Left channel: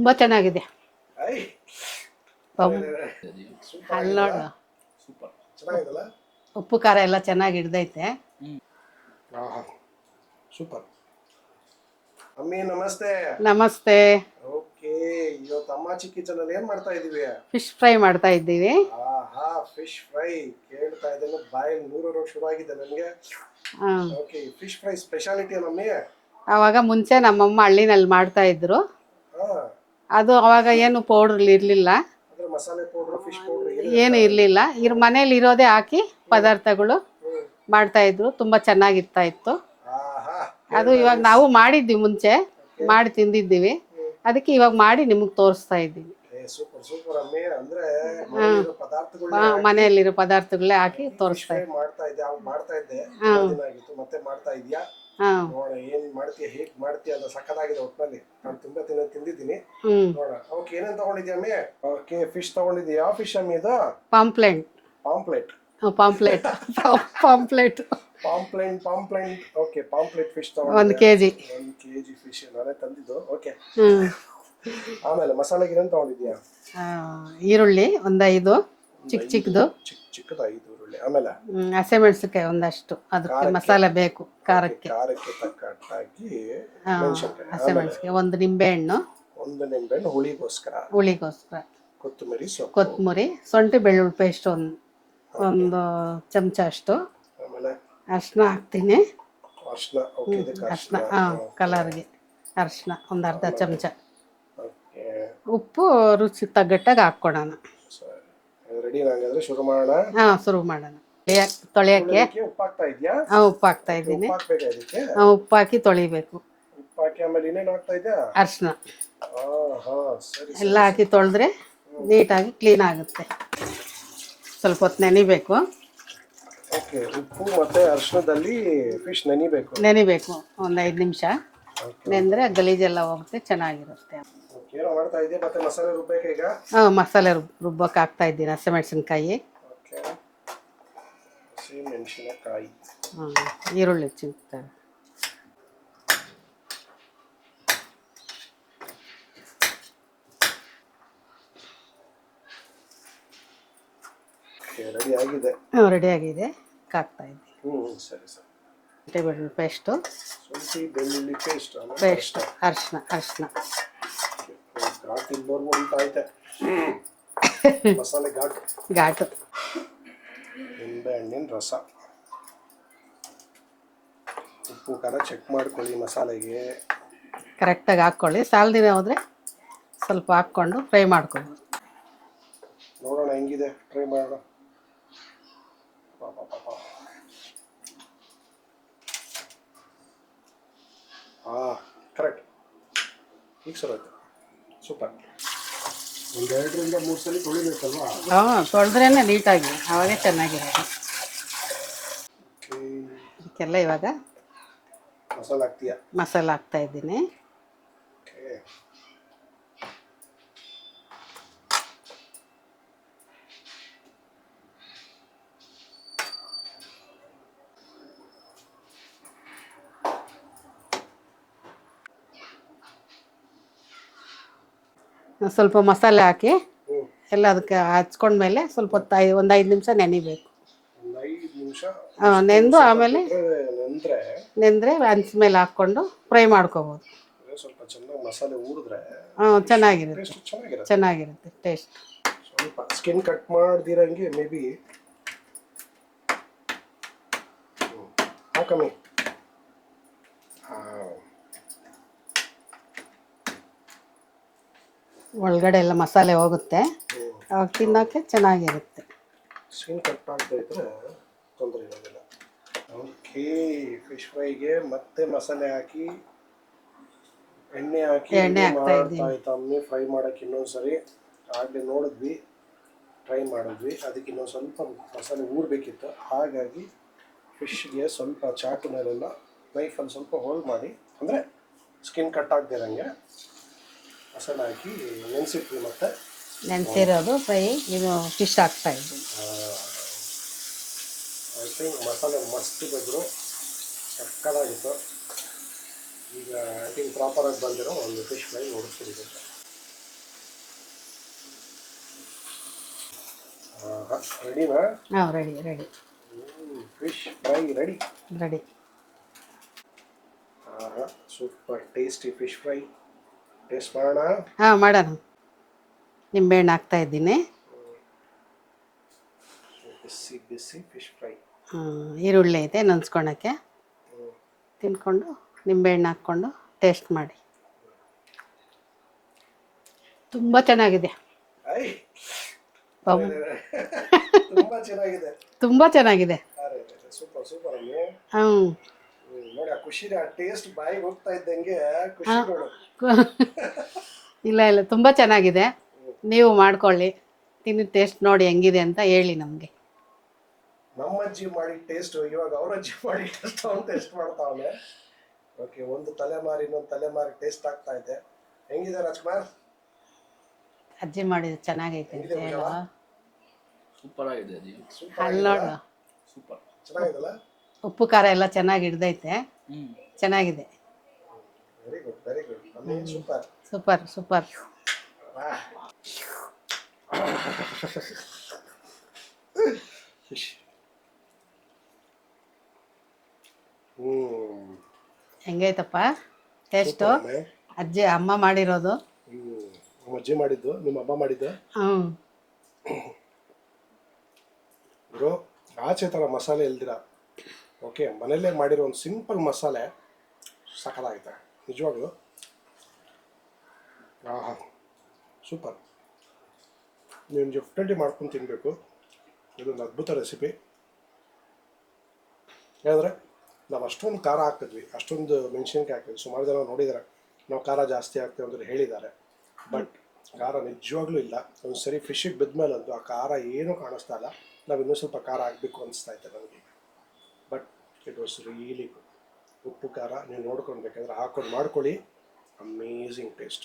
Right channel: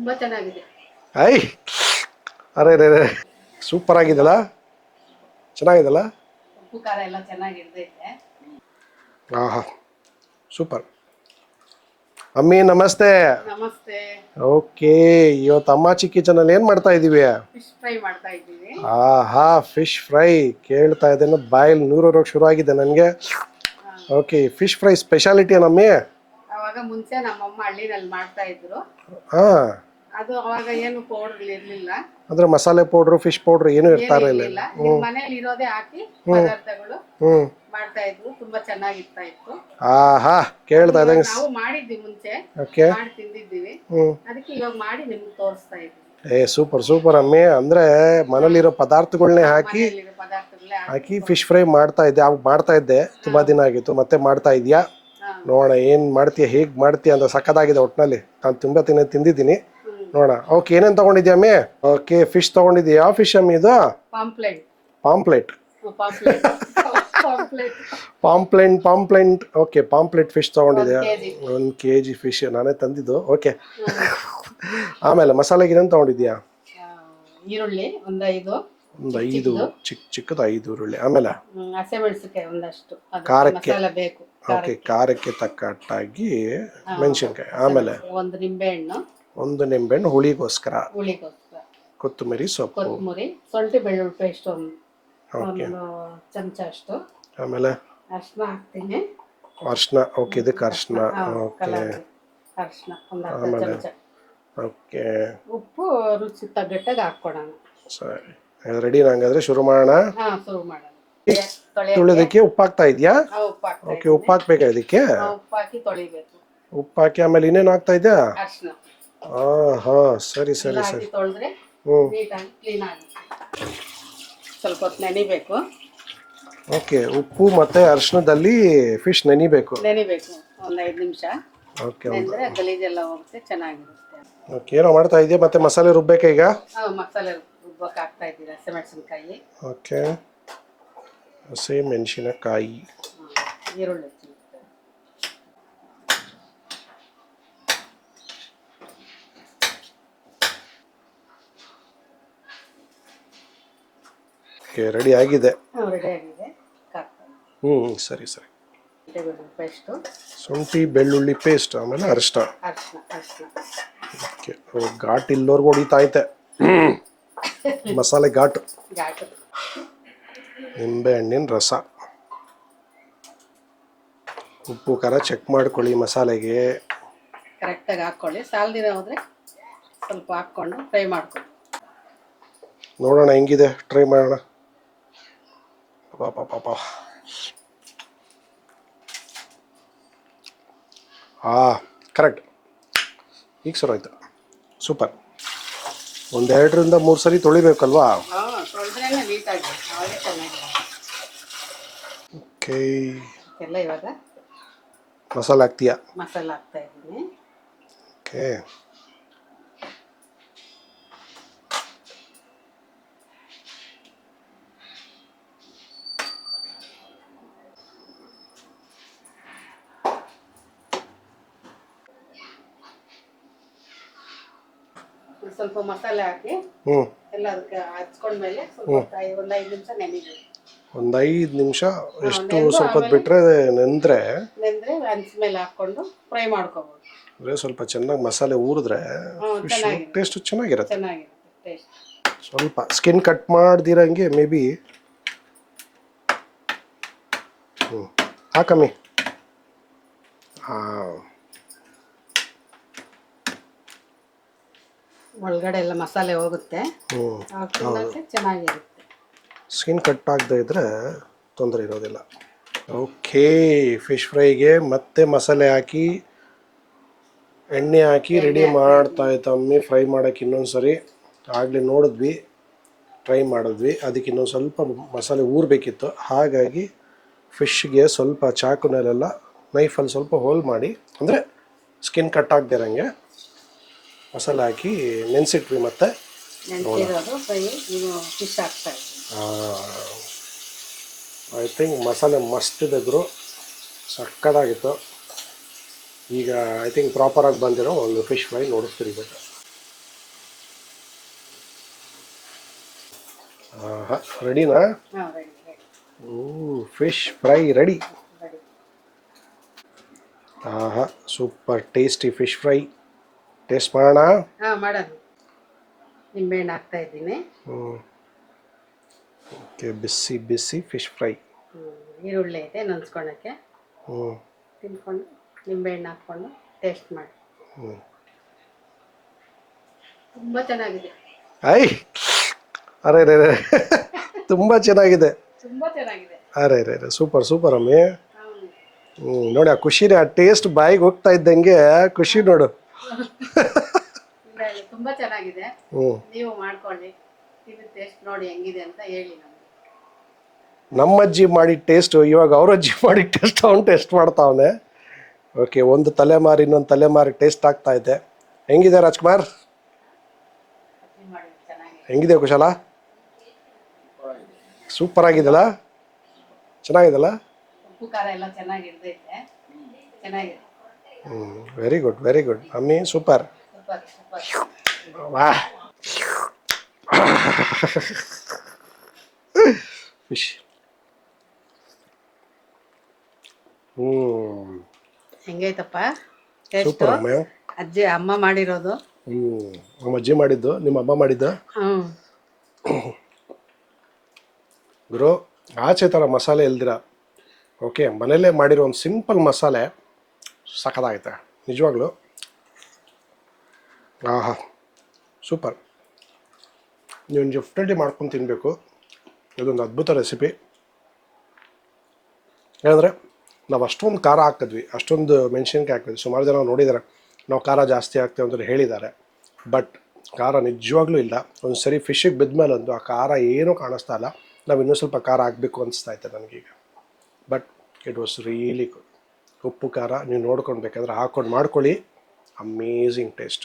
ತುಂಬಾ ಚೆನ್ನಾಗಿದೆ. ಐ ಅರೆ ರೇ ಸೂಪರ್ ಆಗಿದಲ್ಲ, ಚೆನ್ನಾಗಿದಲ್ಲ. ಉಪ್ಪು ಖಾರ ಎಲ್ಲ ಚೆನ್ನಾಗಿ ಹಿಡ್ದೈತೆ. ಆಹಾ ಸೂಪರ್. ಅಮ್ಮಿ ನಮಸ್ತೆ. ನಮಸ್ತೆ. ಓಕೆ, ಇವತ್ತು ಅಮ್ಮಾಚಿ ಕಿಚನ್ ಅಲ್ಲಿ ಏನ್ ಮಾಡ್ತಾ ಇದೀವಿ? ಫಿಶ್ ಫ್ರೈ ಮಾಡ್ತಾ ಇದ್ದೀವಿ. ಆಹಾ ಫಿಶ್ ಫ್ರೈ ಕೇಳ್ತಾ ಇದ್ದೇನೆ, ಬಾಯಲ್ಲಿ ನೂರೋರಕ್ಕೆ ಶುರು ಆಗಿದೆ ನನಗೆ. ಓಕೆ, ಫಿಶ್ ಫ್ರೈ ಸ್ಪೆಷಾಲಿಟಿ ಏನಮ್ಮಿ? ಅವಾಗ ಮುಂಚೆ ನಮ್ಮಮ್ಮ ಹಳ್ಳಿನಲ್ಲಿ ಮಾಡ್ತಾ ಇದ್ರು. ಹಾ, ಅದು ಅವಾಗ ಏನು ಪೌಡರ್ ಇರ್ಲಿಲ್ಲ, ಅಂದ್ರೆ ಮಸಾಲೆ ಪೌಡ್ರು ಫಿಶ್ ಪೌಡ್ರು ಏನು ಏನು ಇರ್ಲಿಲ್ಲ. ಈಗ ಮನೇಲಿ ಇರೋದೇ ಹಾಕಿ ಪದಾರ್ಥಗಳು ಮಾಡ್ತಾ ಇದ್ರು. ತುಂಬಾ ಚೆನ್ನಾಗಿರ್ತಾ ಇತ್ತು. ಆಹಾ ಅದು ಕೇಳ್ತಾ ಇವಾಗ ಇದ್ದಂಗೆ. ನಾವು ಮಾಡಿದ್ವಿ, ಮುಂಚೆ ಓಕೆ, ಮಾಡಿ ತಿಂದಿದ್ದೀವಿ. ಅದಕ್ಕೆ ಇವಾಗ ಮಾಡಿ ನಿಮಗ್ ತೋರಿಸ್ತಾ ಇದ್ದೀವಿ. ಸೂಪರ್ ಸೂಪರ್ ಅಮ್ಮಿ. ಅಂದ್ರೆ ಮನೇಲಿರೋ ಪದಾರ್ಥಗಳನ್ನೇ ಹಾಕಿ ಮನೆಯಲ್ಲಿರೋ ಪದಾರ್ಥಗಳೇ ಹಾಕಿ ಫಿಶ್ ಫ್ರೈ ಮಾಡ್ತಾ ಇದ್ದೆ. ಅವಾಗ ಮಾಡ್ತಾ ಇದ್ದೆ, ತುಂಬಾ ದಿನ ಆಗಿತ್ತು. ಮತ್ತೆ ಮಾಡ್ತಾ ಇದೀಯಾ? ನೋಡೋಣ ಏನ್ ಮಾಡ್ತೀಯ, ಹೇಗ್ ಮಾಡ್ತೀಯ ಅಂತ. ಸಕ್ಕದಾಗಿದೆ ಒಟ್ನಲ್ಲಿ. ನಾನು ತುಂಬಾ ತಿಂದಿದ್ದೀನಿ. ನೋಡೋಣ. ಓಕೆ, ಏನೇನ್ ತಗೊಂಡಿದ್ಯಾ ಅಮ್ಮಿ? ಓಕೆ, ಫಿಶ್ ತಗೊಂಡಿದ್ಯಾ. ಯಾವ ಫಿಶ್ ಅಮ್ಮಿ ಇದು? Pomfret. Pomfret pomfret pomfret pomfret. Okay, pomfret fish ತಗೊಂಡಿದ್ಯಾ? 1 kg. 1 kg ಫಿಶ್ ನಾನೇ ತಂದಿದ್ದು. ಓಕೆ, ಆಮೇಲೆ ಮಸಾಲೆಗೆ ಏನೇನ್ ತಗೊಂಡಿದ್ಯಾ? ಈರುಳ್ಳಿ ಒಂದು 5 ಚಿಕ್ಕದು 5 ಈರುಳ್ಳಿ. ಆಮೇಲೆ ಹಸಿಮೆಣಸಿನಕಾಯಿ ಒಂದಷ್ಟು, ಖಾರಕ್ಕೆ ಮಸಾಲೆ ಬೇಕು. ಖಾರಕ್ಕೆ ತಕ್ಕಟ್ಟಾಗಿ ಮೆಣಸಿನಕಾಯಿ. ಆಮೇಲೆ ಒಂದು ನಿಂಬೆಹಣ್ಣು, ಹುಳಿಗೋಸ್ಕರ. ಕೊತ್ತಂಬರಿ ಸೊಪ್ಪು, ಕೊತ್ತಂಬರಿ, ಶುಂಠಿ ಬೆಳ್ಳುಳ್ಳಿ ಪೇಸ್ಟ್ ಒಂದು ಚಮಚ ಅಷ್ಟು. ಆಮೇಲೆ ಅರ್ಶಿನ ಹಾಕ್ತೀನಿ. ಅರ್ಶಿನ. ಓಕೆ, ಇದಕ್ಕೆ ಅರ್ಶಿನ. ಕಲರ್ಗೆ ಅರ್ಶಿನ ಒಂದು ಅರ್ಧ ಚಮಚ. ಓಕೆ, ಉಪ್ಪು ರುಚಿ ತಗ್ಗಟ್ಟಾಗಿ ಹಾಕ್ಕೊಡೋಣ. ಸರಿ, ರೆಡಿ. ಹಂಗಾದ್ರೆ ಶುರು ಮಾಡೋಣ. ಶುರು ಮಾಡೋಣ. ತೊಳೆಯೋಕೆ ಉಪ್ಪು ಹಾಕ್ತಾ ಇದೆಯಾ? ಉಪ್ಪು ಹಾಕ್ತಾ ಇದ್ದೀನಿ. ಉಪ್ಪು ಹಾಕ್ಬೇಕಾ ಇದಕ್ಕೆ? ಉಪ್ಪು ಹಾಕಿ ತೊಳಿಬೇಕು. ಉಪ್ಪು ಹಾಕಿ ಆಮೇಲೆ ಇನ್ನೇನು ಹಾಕ್ತಾ ಇದೆಯಾ? ಅರ್ಶಿನ. ಹಾ ಸರಿ ಸರಿ. ಎಲ್ಲ ಹಾಕಿ ತೊಳೆದ್ರೆ ನೀಟಾಗಿ ಕ್ಲೀನ್ ಆಗುತ್ತೆ. ಸ್ವಲ್ಪ ಹೊತ್ತು ನೆನಿಬೇಕು. ಓಕೆ, ಉಪ್ಪು ಮತ್ತೆ ಅರಿಶಿಣದಲ್ಲಿ ಫಿಶ್ ನೆನಿಬೇಕು ಒಂದು 5 ನಿಮಿಷ. ನೆಂದ್ರೆ ಗಲೀಜೆಲ್ಲ ಹೋಗುತ್ತೆ, ಚೆನ್ನಾಗಿರುತ್ತೆ. ಓಕೆ, ಏನೋ ಮಾಡ್ತಾ ಇದೆಯಾ? ಮತ್ತೆ ಮಸಾಲೆ ರುಬ್ಬೇಕಾ ಈಗ? ಮಸಾಲೆ ರುಬ್ಬಕ್ಕೆ ಹಾಕ್ತಾ ಇದ್ದೀನಿ. ಹಸಿಮೆಣಸಿನಕಾಯಿ. ಓಕೆ, ಹಸಿಮೆಣಸಿನಕಾಯಿ, ಈರುಳ್ಳಿ ಚಿಕ್ಕ. ರೆಡಿ ಆಗಿದೆ. ರೆಡಿ ಆಗಿದೆ, ಹಾಕ್ತಾ ಇದ್ದೀನಿ. ಸರಿ ಸರಿ. ಬೆಳ್ಳುಳ್ಳಿ ಪೇಸ್ಟು, ಶುಂಠಿ ಬೆಳ್ಳುಳ್ಳಿ ಪೇಸ್ಟ್, ಆಮೇಲೆ ಅರ್ಶಿನ. ಓಕೆ, ಘಾಟ್ ಇಲ್ಲೋರ್ಗು ಹೊಡಿತಾ ಐತೆ. ಮಸಾಲೆ ಘಾಟು. ನಿಂಬೆ ಹಣ್ಣಿನ ರಸ. ಉಪ್ಪು ಖಾರ ಚೆಕ್ ಮಾಡ್ಕೊಳ್ಳಿ ಮಸಾಲೆಗೆ. ಕರೆಕ್ಟಾಗಿ ಹಾಕ್ಕೊಳ್ಳಿ. ಸಾಲದಿನ ಹೋದರೆ ಸ್ವಲ್ಪ ಹಾಕ್ಕೊಂಡು ಫ್ರೈ ಮಾಡ್ಕೊಂಡು ನೋಡೋಣ ಹೆಂಗಿದೆ, ಟ್ರೈ ಮಾಡೋಣ. ಪಾಪ ಕರೆಕ್ಟ್. ಈಗ ಸರ್ ಆಯ್ತು. ಸೂಪರ್. 1-2 3 ಸರಿ ತೊಳಿಬೇಕಲ್ವಾ? ತೊಳೆದ್ರೇನೆ ನೀಟಾಗಿ, ಅವಾಗೇ ಚೆನ್ನಾಗಿರುತ್ತೆ. ಓಕೆ, ಇದಕ್ಕೆಲ್ಲ ಇವಾಗ ಮಸಾಲೆ ಹಾಕ್ತೀಯಾ? ಮಸಾಲೆ ಹಾಕ್ತಾ ಇದ್ದೀನಿ. ಓಕೆ, ಸ್ವಲ್ಪ ಮಸಾಲೆ ಹಾಕಿ ಎಲ್ಲ ಅದಕ್ಕೆ ಹಚ್ಕೊಂಡ್ಮೇಲೆ ಸ್ವಲ್ಪ ಹೊತ್ತು ಒಂದು 5 ನಿಮಿಷ ನೆನಿಬೇಕು. ಒಂದು 5 ನಿಮಿಷ ನೆಂದು ಆಮೇಲೆ ನೆಂದ್ರೆ ಹಂಚ್ಮೇಲೆ ಹಾಕ್ಕೊಂಡು ಫ್ರೈ ಮಾಡ್ಕೋಬೋದು. ಸ್ವಲ್ಪ ಚೆನ್ನಾಗಿ ಮಸಾಲೆ ಊರಿದ್ರೆ ಟೇಸ್ಟ್ ಚೆನ್ನಾಗಿರುತ್ತೆ. ಟೇಸ್ಟ್ ಸ್ವಲ್ಪ ಸ್ಕಿನ್ ಕಟ್ ಮಾಡ್ದಿರಂಗೆ ಮೇ ಬಿ. ಹಾಕಮ್ಮಿ. ಒಳಗಡೆ ಎಲ್ಲ ಮಸಾಲೆ ಹೋಗುತ್ತೆ, ತಿನ್ನೋಕ್ಕೆ ಚೆನ್ನಾಗಿರುತ್ತೆ. ಸ್ಕಿನ್ ಕಟ್ ಆಗದೆ ಇದ್ರೆ ತೊಂದರೆ ಇರೋದಿಲ್ಲ. ಓಕೆ, ಫಿಶ್ ಫ್ರೈಗೆ ಮತ್ತೆ ಮಸಾಲೆ ಹಾಕಿ ಎಣ್ಣೆ ಹಾಕಿ ರೆಡಿ ಮಾಡ್ತಾ ಇತ್ತಮ್ಮಿ. ಫ್ರೈ ಮಾಡೋಕ್ಕೆ ಇನ್ನೊಂದ್ಸರಿ ಆಗಲೇ ನೋಡಿದ್ವಿ, ಟ್ರೈ ಮಾಡಿದ್ವಿ. ಅದಕ್ಕೆ ಇನ್ನೊಂದು ಸ್ವಲ್ಪ ಮಸಾಲೆ ಊರಬೇಕಿತ್ತು. ಹಾಗಾಗಿ ಫಿಶ್ಗೆ ಸ್ವಲ್ಪ ಚಾಕುನಲ್ಲೆಲ್ಲ ನೈಫಲ್ಲಿ ಸ್ವಲ್ಪ ಹೋಲ್ ಮಾಡಿ, ಅಂದರೆ ಸ್ಕಿನ್ ಕಟ್ ಆಗದಿರಂಗೆ ಮಸಾಲೆ ಹಾಕಿ ನೆನೆಸಿಟ್ವಿ. ಮತ್ತೆ ನೆನೆಸಿರೋದು ಫ್ರೈ ಇದು ಫಿಶ್ ಹಾಕ್ತಾ ಇದ್ವಿ. ಐ ಥಿಂಕ್ ಮಸಾಲೆ ಮಸ್ತ್ ಇದ್ದರು, ಸಕ್ಕತ್ತಾಗಿತ್ತು. ಈಗ ಐ ಥಿಂಕ್ ಪ್ರಾಪರಾಗಿ ಬಂದಿರೋ ಒಂದು ಫಿಶ್ ಫ್ರೈ ನೋಡಿಸ್ತಿರ್ಬೇಕು. ರೆಡಿನಾ? ಹಾಂ ready ready fish fry ready. Ready. ಆಹಾ, super tasty fish fry. Taste ಮಾಡೋಣ. ಹಾಂ ಮಾಡೋಣ. ನಿಂಬೆಹಣ್ಣು ಹಾಕ್ತಾ ಇದ್ದೀನಿ. ಓಕೆ, ಬಿಸಿ ಬಿಸಿ ಫಿಶ್ ಫ್ರೈ. ಈರುಳ್ಳಿ ಐತೆ ನೆನ್ಸ್ಕೊಳಕ್ಕೆ. ಹ್ಞೂ ತಿನ್ಕೊಂಡು ನಿಂಬೆಹಣ್ಣು ಹಾಕ್ಕೊಂಡು ಟೇಸ್ಟ್ ಮಾಡಿ. ತುಂಬ ಚೆನ್ನಾಗಿದೆ. ಐ ಅರೆ ರೇ ರೇ ತುಂಬ ಚೆನ್ನಾಗಿದೆ. ತುಂಬ ಚೆನ್ನಾಗಿದೆ. ಅರೆ ರೇ ರೇ ಸೂಪರ್ ಸೂಪರ್ ಅಮ್ಮಿ. ನೋಡಿ ಆ ಖುಷಿನೇ, ಆ ಟೇಸ್ಟ್ ಬಾಯಿಗೆ ಹೋಗ್ತಾ ಇದ್ದಂಗೆ ಖುಷಿ ನೋಡು. ಇಲ್ಲ ಇಲ್ಲ ತುಂಬ ಚೆನ್ನಾಗಿದೆ. ನೀವು ಮಾಡ್ಕೊಳ್ಳಿ, ತಿನ್ನಿ ಟೇಸ್ಟ್ ನೋಡಿ ಹೆಂಗಿದೆ ಅಂತ ಹೇಳಿ ನಮಗೆ. ನಮ್ಮ ಅಜ್ಜಿ ಮಾಡಿದ ಟೇಸ್ಟು ಇವಾಗ ಅವ್ರ ಅಜ್ಜಿ ಮಾಡಿದ ಟೇಸ್ಟ್ ಅವ್ನು ಟೇಸ್ಟ್ ಮಾಡ್ತಾವನೆ. ಓಕೆ, ಒಂದು ತಲೆಮಾರಿ ಇನ್ನೊಂದು ತಲೆಮಾರಿ ಟೇಸ್ಟ್ ಆಗ್ತಾ ಇದೆ. ಹೆಂಗಿದೆ ರಾಜ್ಕುಮಾರ್? ಅಜ್ಜಿ ಮಾಡಿದ ಚೆನ್ನಾಗೈತೆ. ಹೆಂಗಿದೆ ಕುಶಾಲ? ಸೂಪರ್ ಆಗಿದಲ್ಲ? ಚೆನ್ನಾಗಿದಲ್ಲ? ಉಪ್ಪು ಖಾರ ಎಲ್ಲ ಚೆನ್ನಾಗಿ ಹಿಡ್ದೈತೆ. ಚೆನ್ನಾಗಿದೆ. ವೆರಿ ಗುಡ್ ವೆರಿ ಗುಡ್ ಅಮ್ಮಿ, ಸೂಪರ್ ಸೂಪರ್ ಸೂಪರ್. ವಾ ಫಿಶ್. ಹೆಂಗೈತಪ್ಪ ಟೇಸ್ಟು? ಸೂಪರ್ ಅಮ್ಮ. ಅಜ್ಜಿ ಅಮ್ಮ ಮಾಡಿರೋದು. ನಮ್ಮ ಅಜ್ಜಿ ಮಾಡಿದ್ದು, ನಿಮ್ಮ ಅಮ್ಮ ಮಾಡಿದ್ದು. ಗುರು, ಆಚೆ ಥರ ಮಸಾಲೆ ಇಲ್ದಿರ, ಓಕೆ, ಮನೇಲೇ ಮಾಡಿರೋ ಒಂದು ಸಿಂಪಲ್ ಮಸಾಲೆ ಸಖತ್ತಾಗೈತೆ ನಿಜವಾಗ್ಲೂ. ಆಹಾ, ಸೂಪರ್. ನೀವು ಡೆಫಿನೆಟ್ಲಿ ಮಾಡ್ಕೊಂಡು ತಿನ್ನಬೇಕು. ಇದೊಂದು ಅದ್ಭುತ ರೆಸಿಪಿ. ಏನಂದರೆ ನಾವು ಅಷ್ಟೊಂದು ಖಾರ ಹಾಕಿದ್ವಿ, ಅಷ್ಟೊಂದು ಮೆಣಸಿನ್ಕಾಯಿ ಹಾಕಿದ್ವಿ. ಸುಮಾರು ಜನ ನೋಡಿದ್ದಾರೆ ನಾವು ಖಾರ ಜಾಸ್ತಿ ಹಾಕ್ತೇವೆ ಅಂತ ಹೇಳಿದ್ದಾರೆ. ಬಟ್ ಖಾರ ನಿಜವಾಗ್ಲೂ ಇಲ್ಲ. ಒಂದು ಸರಿ ಫಿಶಿಗೆ ಬಿದ್ಮೇಲೆ ಒಂದು ಆ ಖಾರ ಏನೂ ಕಾಣಿಸ್ತಾ ಇಲ್ಲ. ನಾವು ಇನ್ನೂ ಸ್ವಲ್ಪ ಖಾರ ಹಾಕಬೇಕು ಅನಿಸ್ತಾ ಇತ್ತು ನನಗೀಗ. But it was really good. ಉಪ್ಪು ಖಾರ ನೀವು ನೋಡ್ಕೊಂಡು ಬೇಕಾದ್ರೆ ಹಾಕ್ಕೊಂಡು ಮಾಡ್ಕೊಳ್ಳಿ. Amazing taste.